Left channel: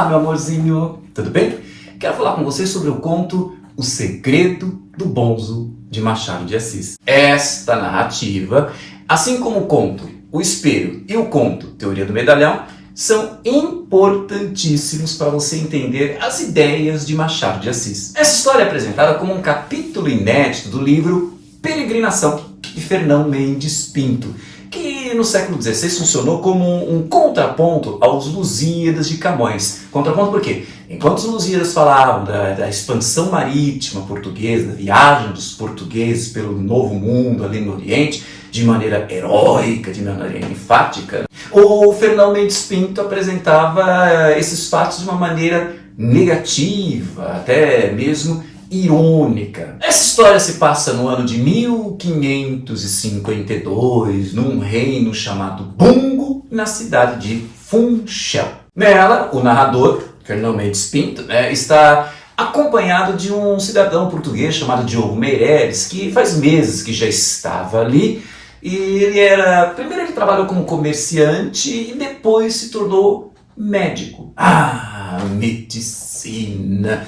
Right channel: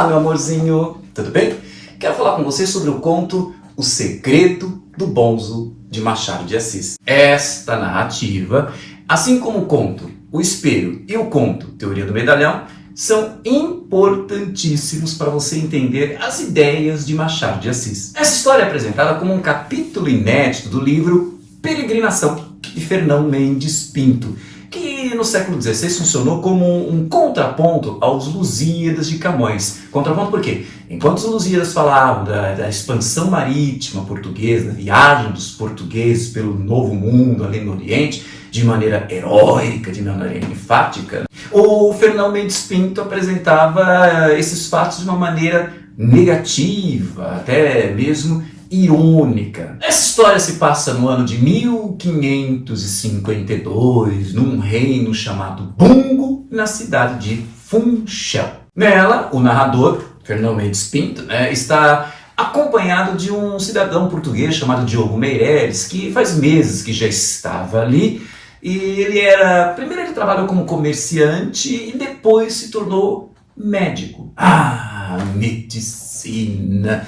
Olá, meu amorzinho, tudo bem? Quero falar com você sobre o conto O Segredo do Bonzo, de Machado de Assis. Esta narrativa, assim como o conto O Espelho e o conto Teoria do Medalhão, são importantíssimos para você entender as ideias de Machado de Assis. Essa história é apresentada como um capítulo inédito do livro Peregrinação, de Fernão Mendes Pinto, que no século XVI funcionou como um contraponto aos Lusíadas de Camões. Contraponto por quê? Enquanto os Lusíadas falavam da expansão marítima portuguesa, da viagem dos portugueses pelo Novo Mundo ali no Oriente, de maneira heróica, de maneira enfática, o Fernão Mendes Pinto apresentava esses fatos de uma maneira negativa, até mesmo irônica. Essa história se passa no ano de 1552, num reino chamado Bungo, na cidade de Funchal. Nela, o narrador, Fernão Mendes Pinto, está acompanhado de um cidadão português chamado Diogo Meireles, que faz meses que já estava ali. E primeiro ele trabalhou como comerciante e depois se tornou médico. Medicina!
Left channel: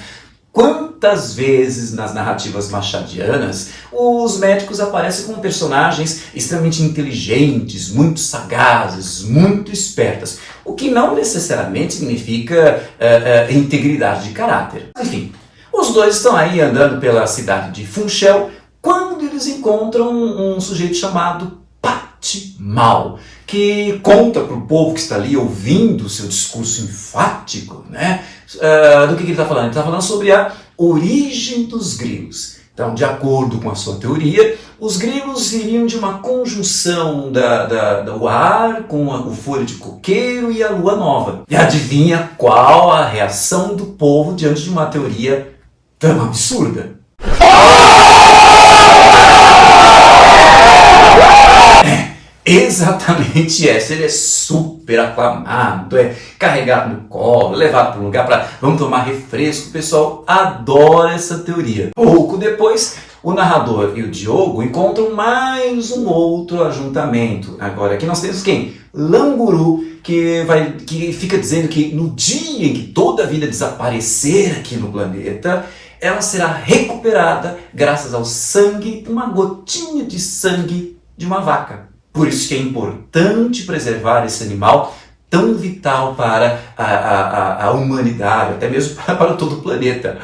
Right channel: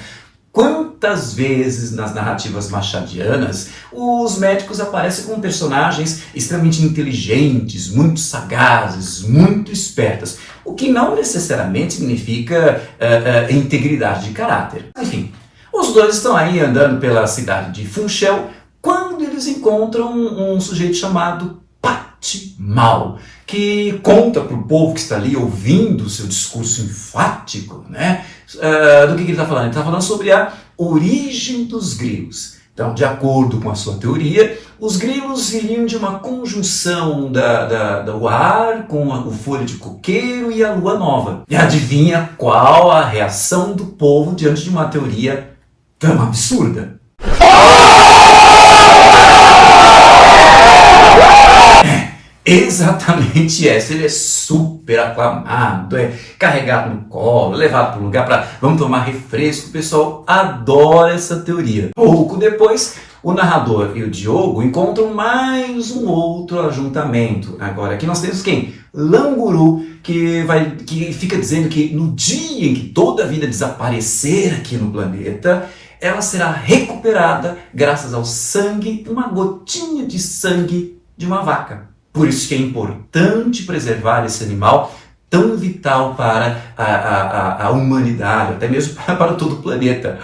Quantas vezes nas narrativas machadianas os médicos aparecem como personagens extremamente inteligentes, muito sagazes, muito espertas, o que não necessariamente significa integridade de caráter. Enfim, os dois estão aí andando pela cidade de Funchal quando eles encontram um sujeito chamado Patimal, que conta para o povo que está ali ouvindo o seu discurso enfático, do que ele está falando? Ele está falando sobre a origem dos grilos. Então, de acordo com a sua teoria, os grilos viriam de uma conjunção do ar com o folho de coqueiro e a lua nova. E adivinha qual a reação do povo diante de uma teoria tão absurda? Exatamente essa, ele é super aclamado, é carregado no colo, levado para um lugar para vamos tomar refresco, o pessoal adora essa teoria. Pouco depois, o narrador e o Diogo encontram mais um outro ajuntamento. Agora aqui nós temos quem? Languru, que fica dizendo que no dia em que toda a vida desaparecer aqui no planeta, ela será recuperada graças ao sangue, uma gotinha de sangue de uma vaca. Por isso que é importante preservar esse animal tão vital para a humanidade, até mesmo para todo o planeta.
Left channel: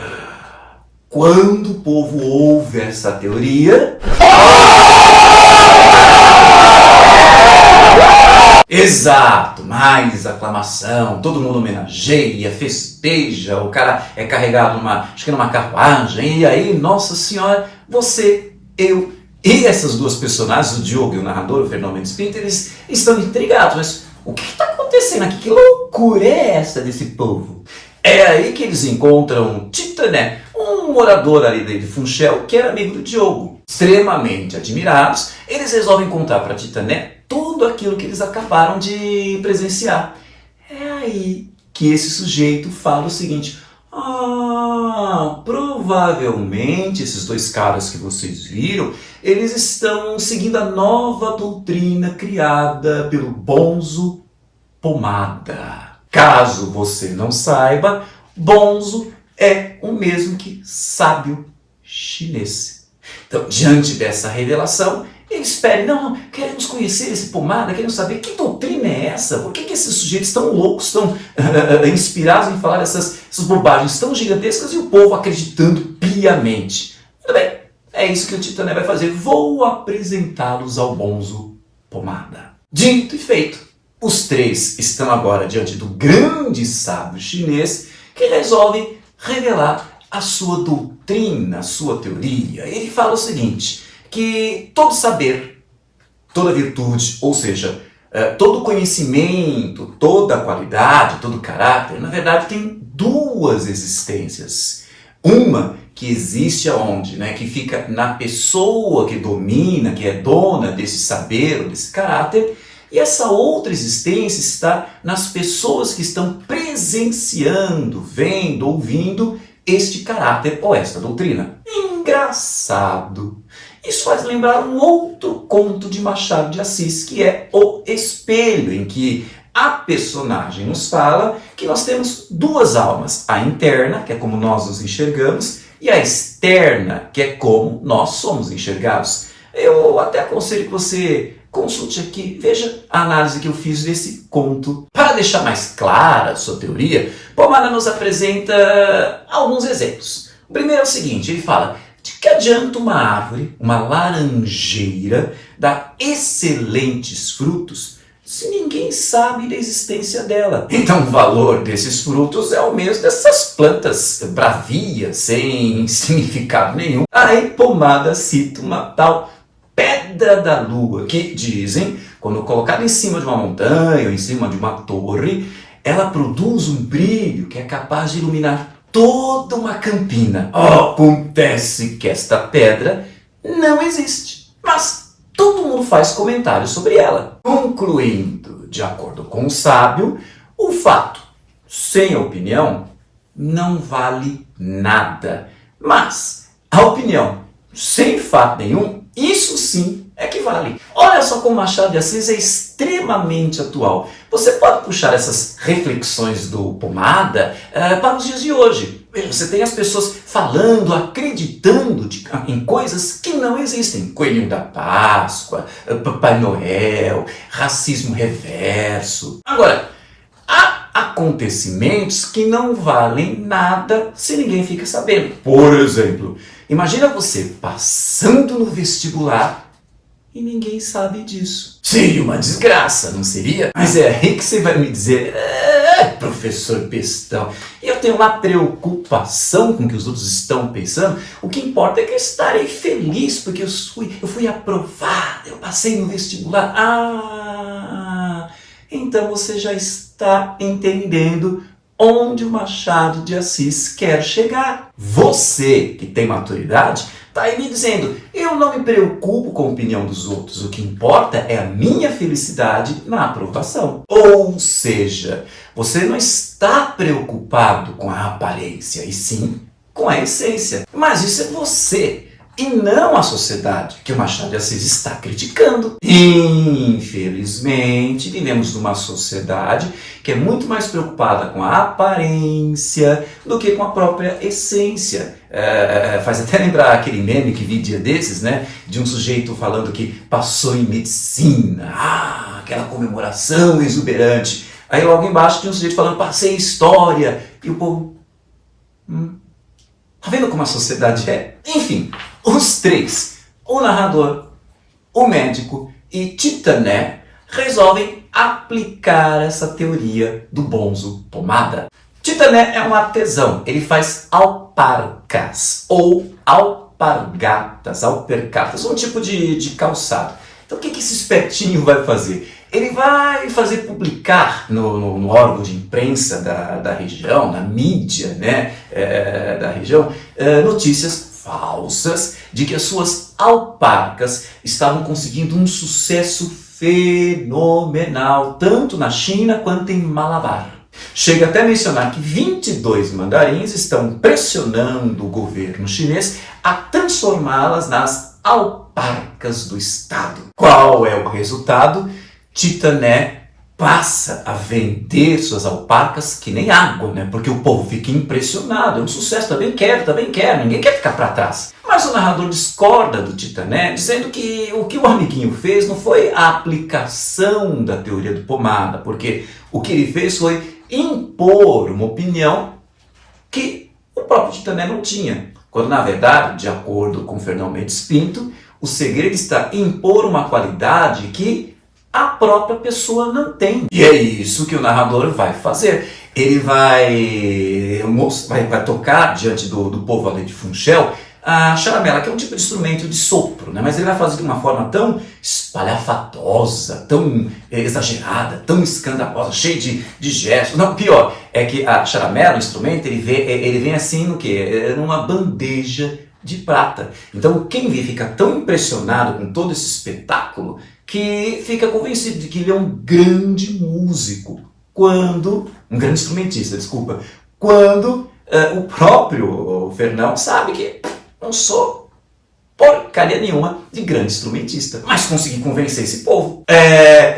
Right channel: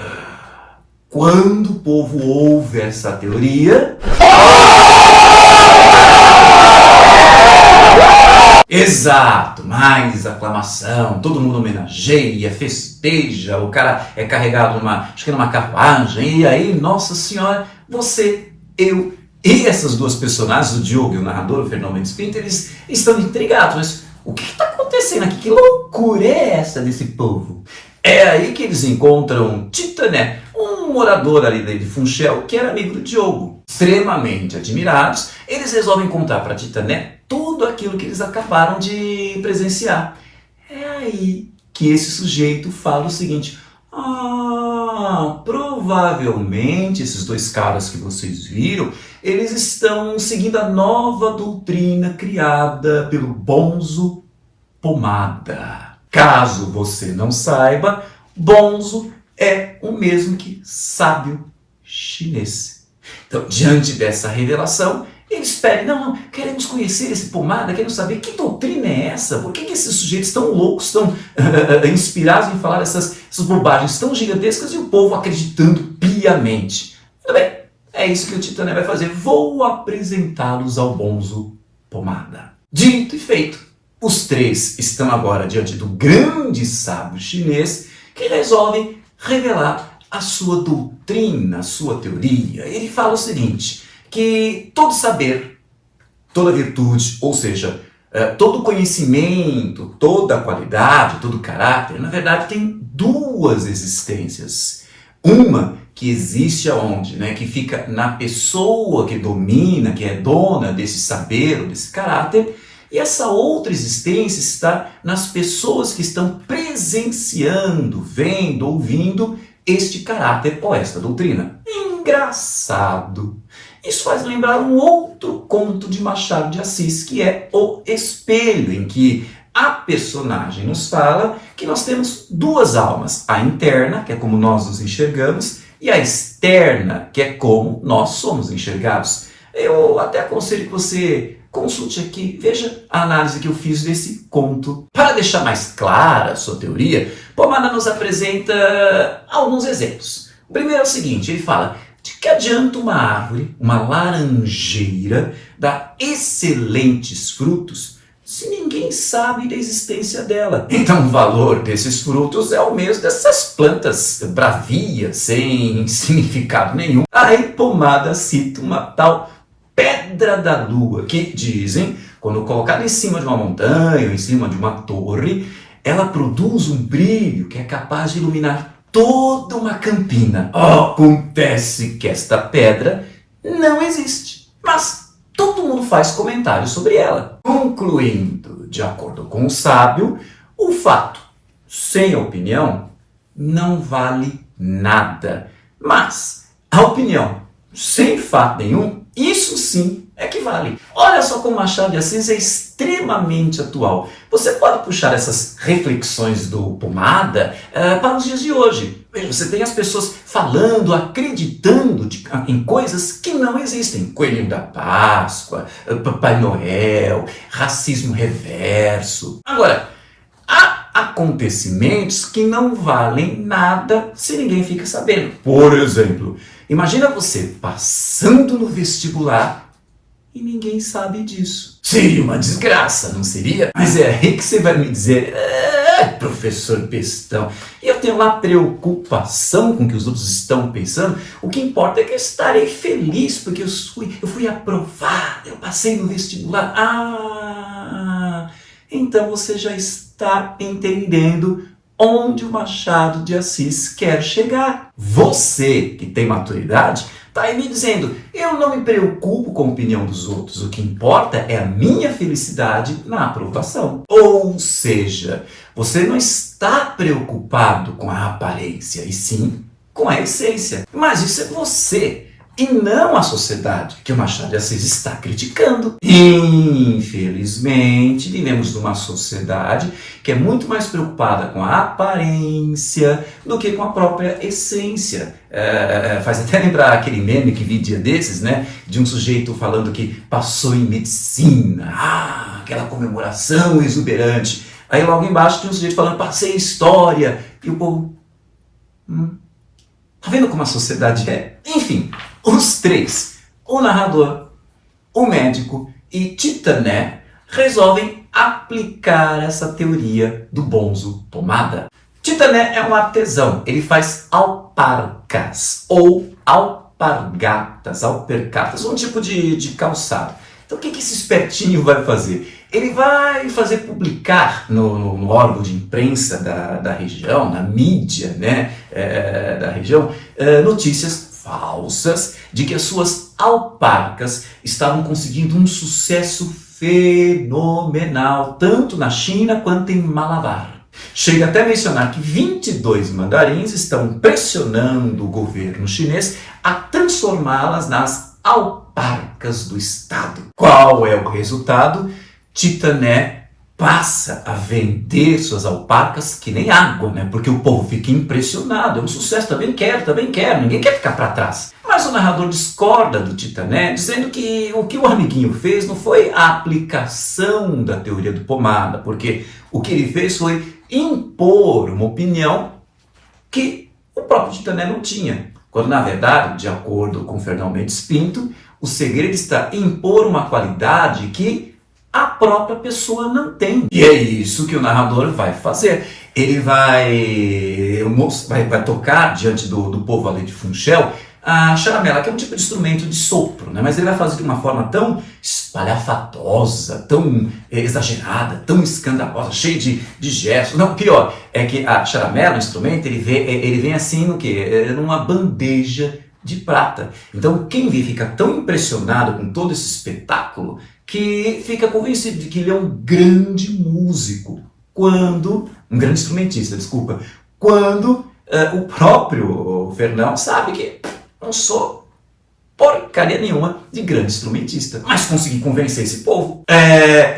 Quando o povo ouve essa teoria... Exato, mais aclamação, todo mundo homenageia, festeja, o cara é carregado numa carruagem, e aí, nossa senhora, você, eu... E essas duas personagens, o Diogo e o narrador, o Fernão Mendes Pinto, eles estão intrigados. Mas o que está acontecendo aqui? Que loucura é essa desse povo? É aí que eles encontram Titané, um morador ali de Funchal, que era amigo do Diogo. Extremamente admirados, eles resolvem contar para Titané tudo aquilo que eles acabaram de presenciar. É aí que esse sujeito fala o seguinte... provavelmente esses dois caras que vocês viram, eles estão seguindo a nova doutrina criada pelo Bonzo Pomada. Caso você não saiba, Bonzo é o mesmo que sábio chinês. Então, diante dessa revelação, eles pedem, não, queremos conhecer esse Pomada, queremos saber que doutrina é essa, por que esses sujeitos tão loucos, estão inspirados em falar essas bobagens tão gigantescas e o povo acreditando piamente. Muito bem, é isso que o Titané vai fazer, vou apresentá-los ao Bonzo Pomada. Dito e feito, os três estão agora diante do grande sábio chinês que resolve revelar a sua doutrina, a sua teoria. Ele fala o seguinte... que todo saber, toda virtude, ou seja, todo conhecimento, toda qualidade, todo caráter, na verdade tem duas existências. Uma que existe aonde? Que fica na pessoa que domina, que é dona desse saber, desse caráter, e essa outra existência está nas pessoas que estão presenciando, vendo, ouvindo este caráter ou esta doutrina. Engraçado. Isso faz lembrar um outro conto de Machado de Assis, que é O Espelho, em que A personagem nos fala que nós temos duas almas, a interna, que é como nós nos enxergamos, e a externa, que é como nós somos enxergados. Eu até aconselho que você consulte aqui, veja a análise que eu fiz desse conto. Para deixar mais clara a sua teoria, Pomada nos apresenta alguns exemplos. O primeiro é o seguinte, ele fala: de que adianta uma árvore, uma laranjeira, dar excelentes frutos se ninguém sabe da existência dela? Então o valor desses frutos é o mesmo dessas plantas bravias, sem significado nenhum. Aí Pomada cita uma tal pedra da lua, que dizem, quando colocada em cima de uma montanha ou em cima de uma torre, ela produz um brilho que é capaz de iluminar toda uma campina. Acontece que esta pedra não existe, mas todo mundo faz comentários sobre ela. Concluindo, de acordo com o sábio, o fato sem opinião não vale nada. Mas a opinião sem fato nenhum, isso sim é que vale. Olha só como Machado de Assis é extremamente atual. Você pode puxar essas reflexões do Pomada para os dias de hoje. Você tem as pessoas falando, acreditando em coisas que não existem. Coelhinho da Páscoa, Papai Noel, racismo reverso. Agora, há acontecimentos que não valem nada se ninguém fica sabendo. Por exemplo, imagina você passando no vestibular e ninguém sabe disso. Seria uma desgraça, não seria? Mas é aí que você vai me dizer: professor bestão, eu tenho uma preocupação com o que os outros estão pensando. O que importa é que eu estarei feliz porque eu fui aprovado, eu passei no vestibular. Então você já está entendendo onde o Machado de Assis quer chegar. Você, que tem maturidade, está aí me dizendo: eu não me preocupo com a opinião dos outros, o que importa é a minha felicidade na aprovação. Ou seja, você não está preocupado com a aparência, e sim com a essência. Mas isso é você, e não a sociedade que o Machado de Assis está criticando. Infelizmente, vivemos numa sociedade que é muito mais preocupada com a aparência do que com a própria essência. Faz até lembrar aquele meme que vi dia desses, né? De um sujeito falando que passou em medicina. Aquela comemoração exuberante. Aí logo embaixo tinha um sujeito falando: passei em história. E o povo... Tá vendo como a sociedade é? Enfim, os três, o narrador, o médico e Titané, resolvem aplicar essa teoria do bonzo Pomada. Titané é um artesão, ele faz alparcas ou alpargatas, um tipo de calçado. Então o que esse espertinho vai fazer? Ele vai fazer publicar no órgão de imprensa da região, na mídia, né, da região, notícias falsas de que as suas alparcas estavam conseguindo um sucesso fenomenal, tanto na China quanto em Malabar. Chega até a mencionar que 22 mandarins estão pressionando o governo chinês a transformá-las nas alparcas do Estado. Qual é o resultado? Titané passa a vender suas alparcas que nem água, né? Porque o povo fica impressionado, é um sucesso, também quero, ninguém quer ficar para trás. Mas o narrador discorda do Titané, dizendo que o amiguinho fez não foi a aplicação da teoria do Pomada, porque o que ele fez foi impor uma opinião que o próprio Titané não tinha. Quando, na verdade, de acordo com Fernão Mendes Pinto, o segredo está em impor uma qualidade que a própria pessoa não tem. E é isso que o narrador vai fazer. Ele vai tocar diante do povo ali de Funchal a charamela, que é um tipo de instrumento de sopro, né? Mas ele vai fazer de uma forma tão espalhafatosa, tão exagerada, tão escandalosa, cheia de gestos. Não, pior, é que a charamela, o instrumento, ele vem assim no quê? Numa bandeja de prata. Então quem vê fica tão impressionado com todo esse espetáculo que fica convencido de que ele é um grande músico, um grande instrumentista, desculpa, quando o próprio Fernão sabe que não sou porcaria nenhuma de grande instrumentista, mas consegui convencer esse povo.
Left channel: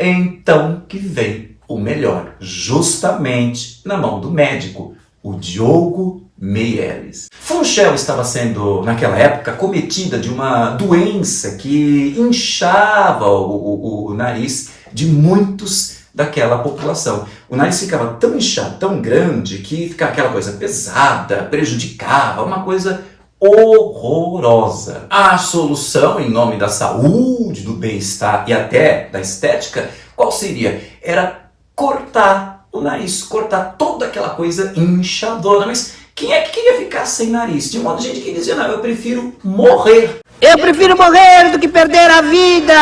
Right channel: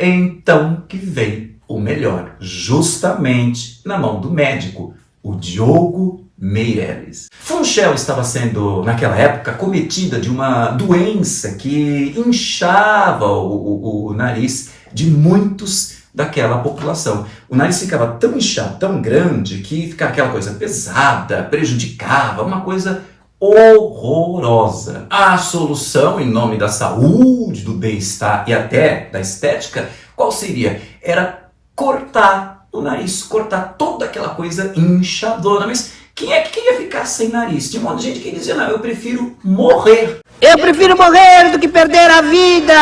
Então que vem ou melhor, justamente na mão do médico, o Diogo Meirelles. Funchal estava sendo, naquela época, cometida de uma doença que inchava o nariz de muitos daquela população. O nariz ficava tão inchado, tão grande, que ficava aquela coisa pesada, prejudicava, uma coisa horrorosa. A solução, em nome da saúde, do bem-estar e até da estética, qual seria? Era cortar o nariz, cortar toda aquela coisa inchadona. Mas quem é que queria ficar sem nariz? Tinha um monte de gente que dizia, não, eu prefiro morrer. Eu prefiro morrer do que perder a vida!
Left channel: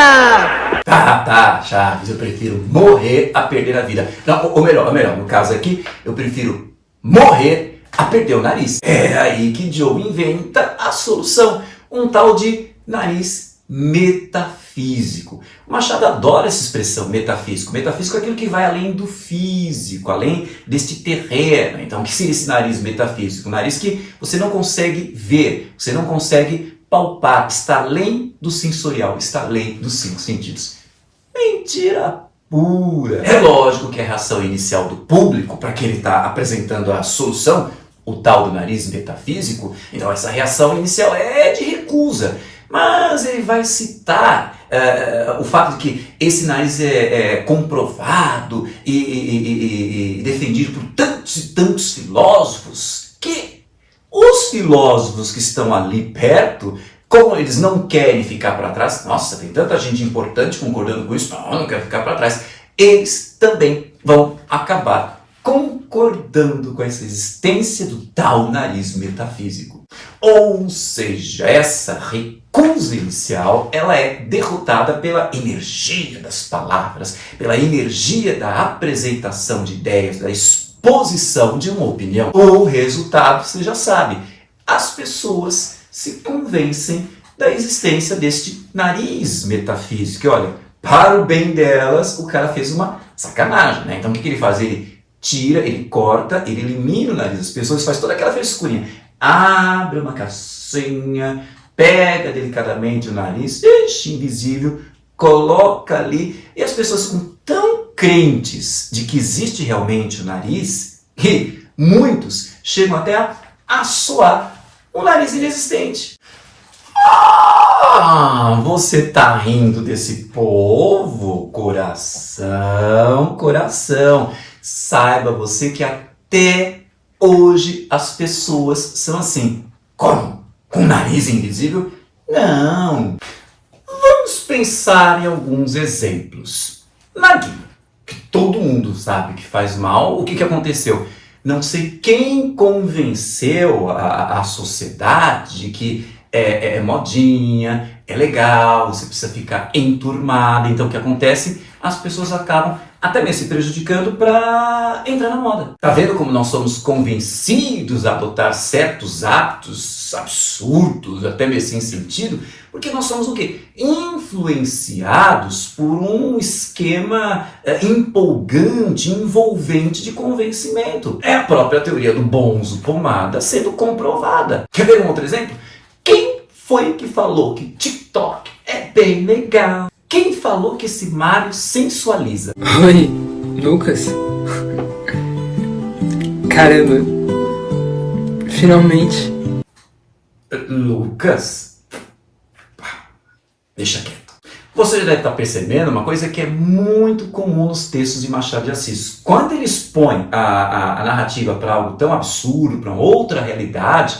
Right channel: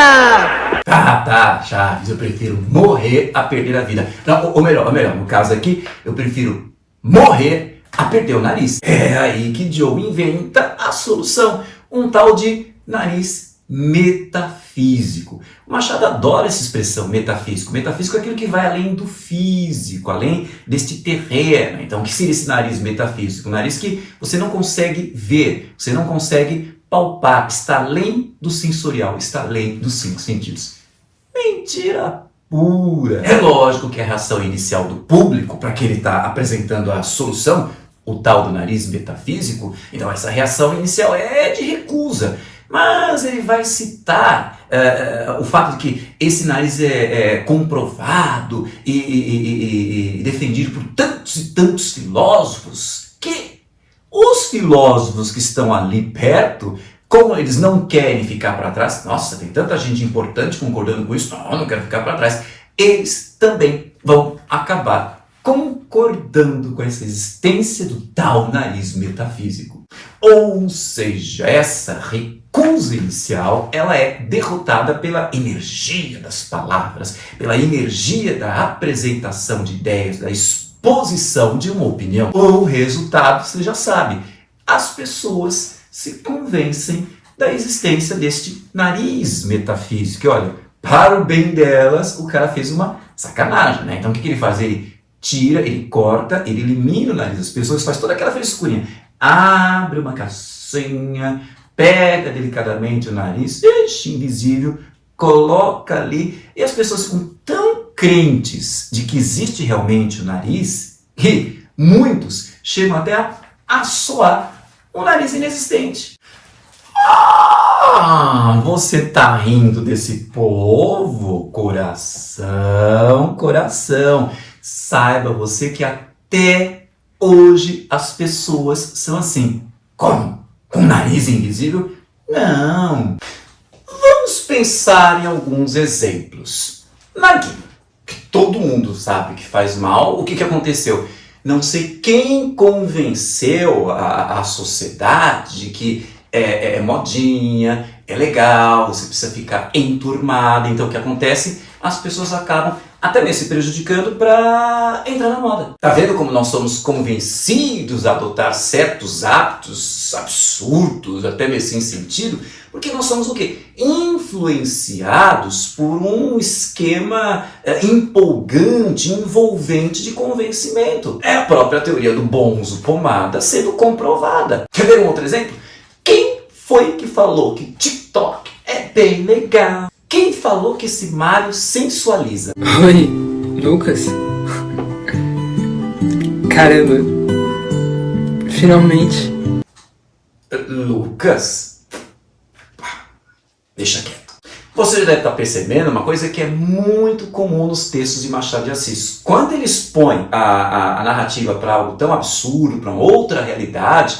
Tá, Chaves, eu prefiro morrer a perder a vida. Não, ou melhor, no caso aqui, eu prefiro morrer a perder o nariz. É aí que Joe inventa a solução, um tal de nariz metafísico. O Machado adora essa expressão, metafísico. Metafísico é aquilo que vai além do físico, além deste terreno. Então, o que seria esse nariz metafísico? Um nariz que você não consegue ver, você não consegue palpar, está além do sensorial, está além dos 5 sentidos. Mentira pura! É lógico que a reação inicial do público, para que ele está apresentando a solução, o tal do nariz metafísico, então essa reação inicial é de recusa. Mas ele vai citar o fato de que esse nariz é comprovado e defendido por tantos e tantos filósofos, que os filósofos que estão ali perto, como eles não querem ficar para trás, nossa, tem tanta gente importante concordando com isso, não, eu não quero ficar para trás, eles também vão acabar concordando com essa existência do tal nariz metafísico. Ou seja, essa recusa inicial, ela é derrotada pela energia das palavras, pela energia da apresentação de ideias, da exposição de uma opinião. O resultado, você já sabe, as pessoas se convencem da existência deste nariz metafísico. E olha, para o bem delas, o cara fez uma sacanagem, né? Então o que ele faz? Ele tira, ele corta, ele elimina o nariz das pessoas, faz toda aquela frescurinha. Abre uma caixinha, pega delicadamente o nariz, invisível, coloca ali, e as pessoas ficam tão crentes de que existe realmente o nariz, que muitos chegam até a assoar o nariz inexistente. Você tá rindo desse povo? Coração. Saiba você que até hoje as pessoas são assim. Como? Com nariz invisível? Não. Vamos pensar em alguns exemplos. Narguilé, que todo mundo sabe que faz mal. O que aconteceu? Não sei quem convenceu a sociedade de que é modinha, é legal, você precisa ficar enturmado. Então o que acontece? As pessoas acabam até mesmo se prejudicando para entrar na moda. Tá vendo como nós somos convencidos a adotar certos hábitos absurdos, até mesmo sem sentido? Porque nós somos o quê? Influenciados por um esquema empolgante, envolvente de convencimento. É a própria teoria do bonzo pomada sendo comprovada. Quer ver um outro exemplo? Quem foi que falou que TikTok é bem legal? Quem falou que esse Mário sensualiza? Oi, Lucas? Caramba, finalmente. Lucas? Deixa quieto. Você já deve estar percebendo uma coisa que é muito comum nos textos de Machado de Assis. Quando ele expõe a narrativa para algo tão absurdo, para uma outra realidade,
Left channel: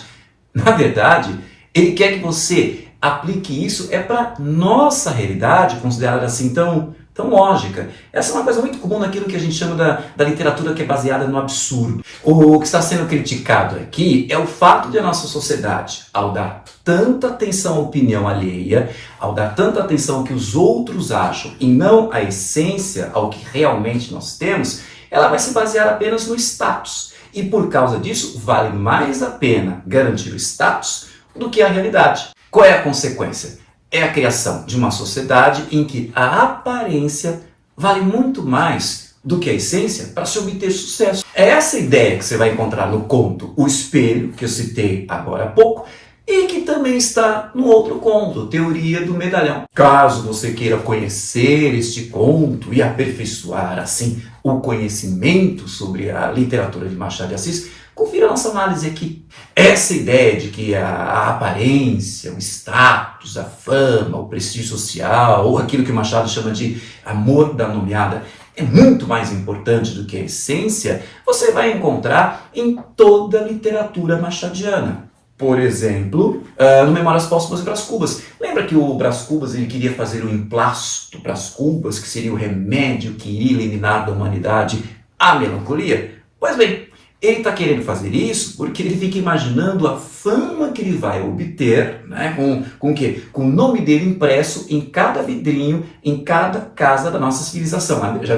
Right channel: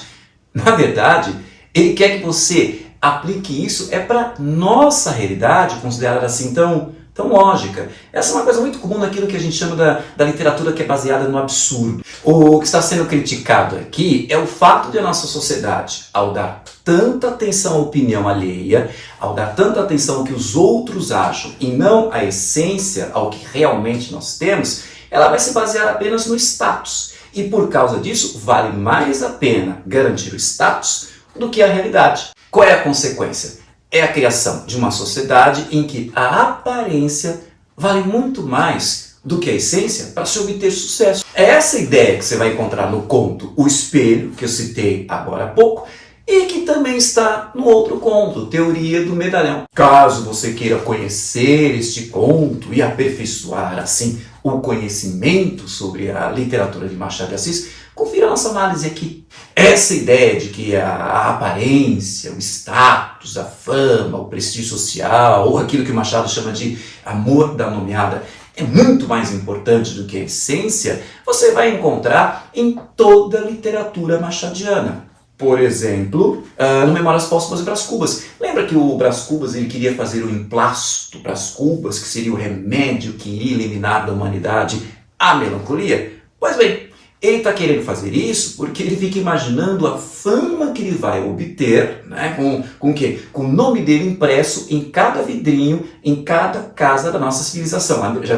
na verdade, ele quer que você aplique isso para nossa realidade, considerada assim tão lógica. Essa é uma coisa muito comum naquilo que a gente chama da literatura que é baseada no absurdo. O que está sendo criticado aqui é o fato de a nossa sociedade, ao dar tanta atenção à opinião alheia, ao dar tanta atenção ao que os outros acham e não à essência, ao que realmente nós temos, ela vai se basear apenas no status. E por causa disso, vale mais a pena garantir o status do que a realidade. Qual é a consequência? É a criação de uma sociedade em que a aparência vale muito mais do que a essência para se obter sucesso. É essa ideia que você vai encontrar no conto O Espelho, que eu citei agora há pouco, e que também está no outro conto, Teoria do Medalhão. Caso você queira conhecer este conto e aperfeiçoar, assim, o conhecimento sobre a literatura de Machado de Assis, confira a nossa análise aqui. Essa ideia de que a aparência, o status, a fama, o prestígio social, ou aquilo que o Machado chama de amor da nomeada, é muito mais importante do que a essência, você vai encontrar em toda a literatura machadiana. Por exemplo, no Memórias Póstumas e Brás Cubas. Lembra que o Brás Cubas ele queria fazer o emplasto Brás Cubas, que seria o remédio que iria eliminar da humanidade a melancolia? Pois bem, ele está querendo fazer isso porque ele fica imaginando a fama que ele vai obter, né, com o quê? Com o nome dele impresso em cada vidrinho, em cada casa da nossa civilização. Já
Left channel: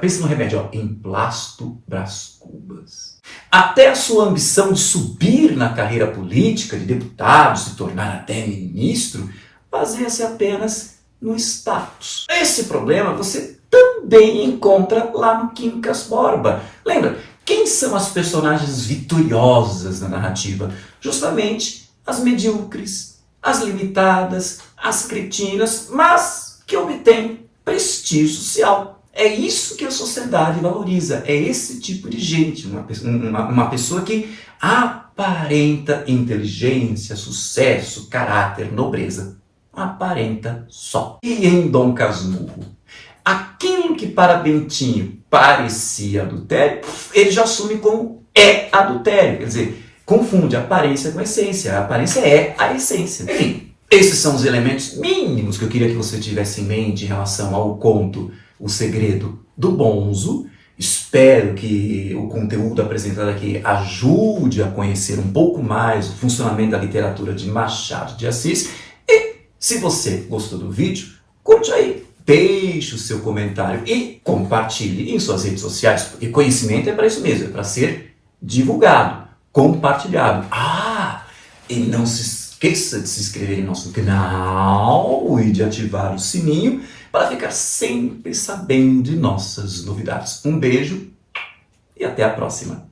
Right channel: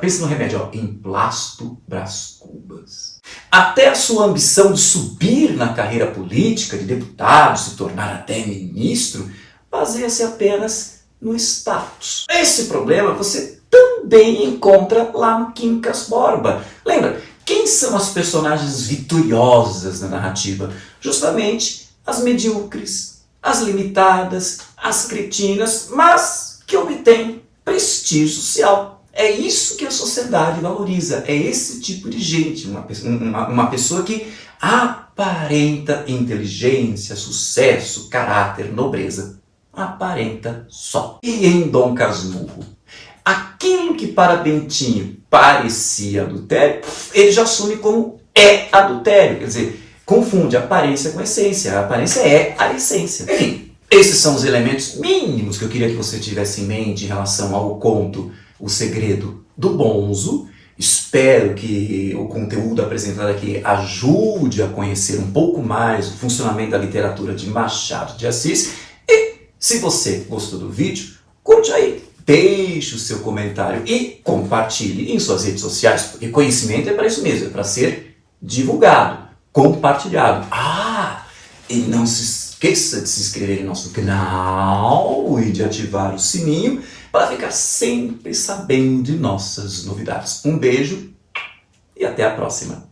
pensa no remédio, ó, emplasto Brás Cubas. Até a sua ambição de subir na carreira política, de deputado, se tornar até ministro, baseia-se apenas no status. Esse problema você também encontra lá no Quincas Borba. Lembra? Quem são as personagens vitoriosas na narrativa? Justamente as medíocres, as limitadas, as cretinas, mas que obtêm prestígio social. É isso que a sociedade valoriza, é esse tipo de gente, uma pessoa que aparenta inteligência, sucesso, caráter, nobreza. Aparenta só. E em Dom Casmurro? Aquilo que para Bentinho parecia adultério, ele já assume como é adultério. Quer dizer, confunde aparência com essência. A aparência é a essência. Enfim, esses são os elementos mínimos que eu queria que você tivesse em mente em relação ao conto O Segredo do Bonzo. Espero que o conteúdo apresentado aqui ajude a conhecer um pouco mais o funcionamento da literatura de Machado de Assis. E se você gostou do vídeo, curte aí. Deixe o seu comentário e compartilhe em suas redes sociais, porque conhecimento é para isso mesmo, é para ser divulgado, compartilhado. E não se esqueça de se inscrever em nosso canal e de ativar o sininho para ficar sempre sabendo de nossas novidades. Um beijo e até a próxima.